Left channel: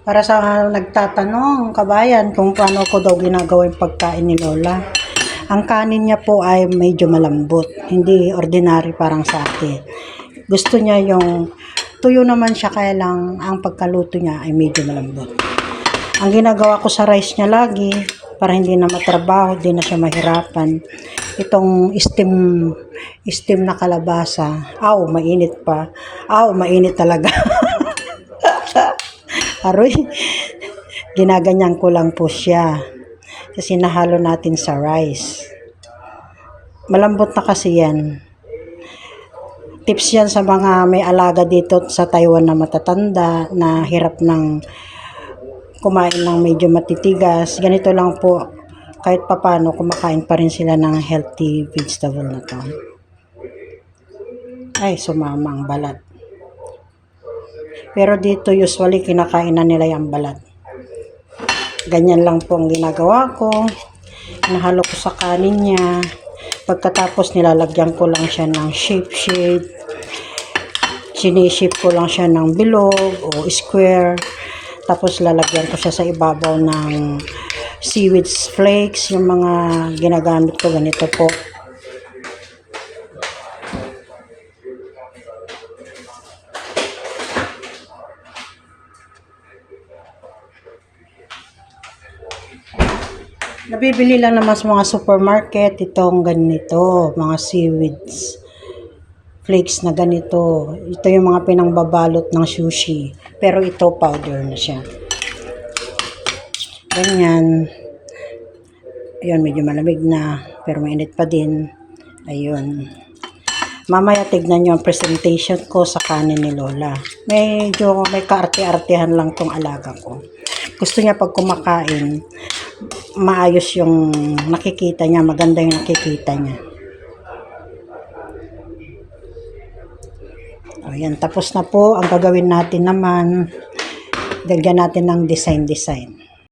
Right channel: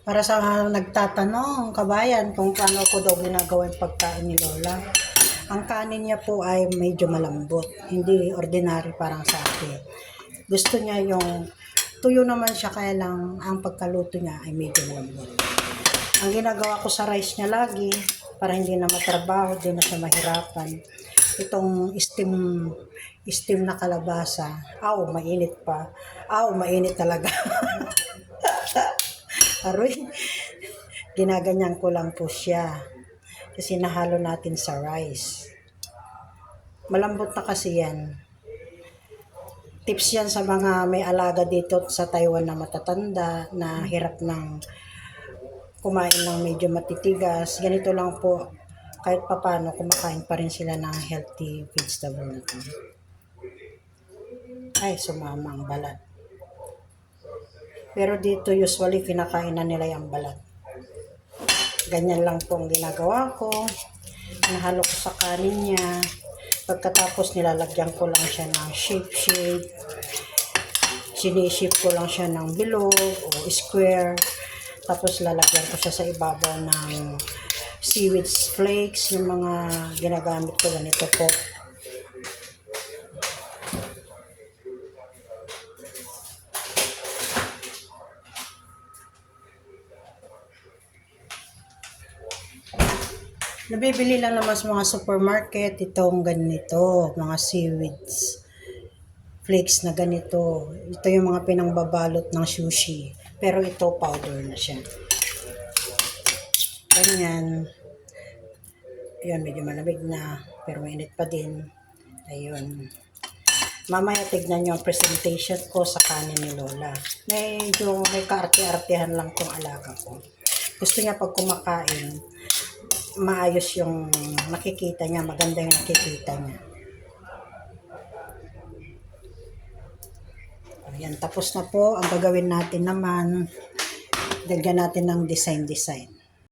Para sa nagtatanong, kabayan, kung paano ko daw ginagawa yung pagkain ni Lola. Ang kanin niya po ay medyo malambot, hindi ordinary parang sa atin. Gusto niya yung tuyo naman siya, kaya lang ang pagkaluto niya ay medyo malambot. Ang ginagawa ko sa rice niya lagi, para hindi na matrabaho, hindi na siya mahirapan. Itong steam na kalabasa. Aw, mainit pa. Aw, mainit talaga. Aroy, ginaganyan ko lang po siya. Kasi nahalo natin sa rice. Malambot na kasi yan. Tips yan sa mga may alaga dito sa Taiwan na matatanda, na hirap ng kumain ng medyo matitigas. Ganito lang po, kahit papano kumakain pa rin sila ng healthy vegetable na to. Ay, sumama ang balat. Pero dito usually kinakain na nila yung balat. Ganyan lang po ang ginagawa ko. Nahalo ko sa kanin niya. Pagkatapos nilalagyan ko lang siya ng shape. Sinishape ko lang siya ng bilog o square. Tapos lalagyan ko siya sa ibabaw ng seaweed flakes. Yung mga ginagamit ko ganito po. Nabibili lang naman sa mga supermarket itong ganito, mga seaweeds flakes na ganito. Ito yung mga pinangbabalot ng sushi. Pero ito powder na siya. Ganyan. Ayun, medyo malamig na. Pero mainit pa din. Ayun. Mamaya tignan nyo ang presentation ko sa kanin ni Lola. Medyo may kaarte-artehan lang tong alaga ko. Gusto niya pag kumakain, maayos yung nakikita niya, maganda yung nakikita niya. Ayan, tapos na po. Ang gagawin natin naman, lagyan natin ng design.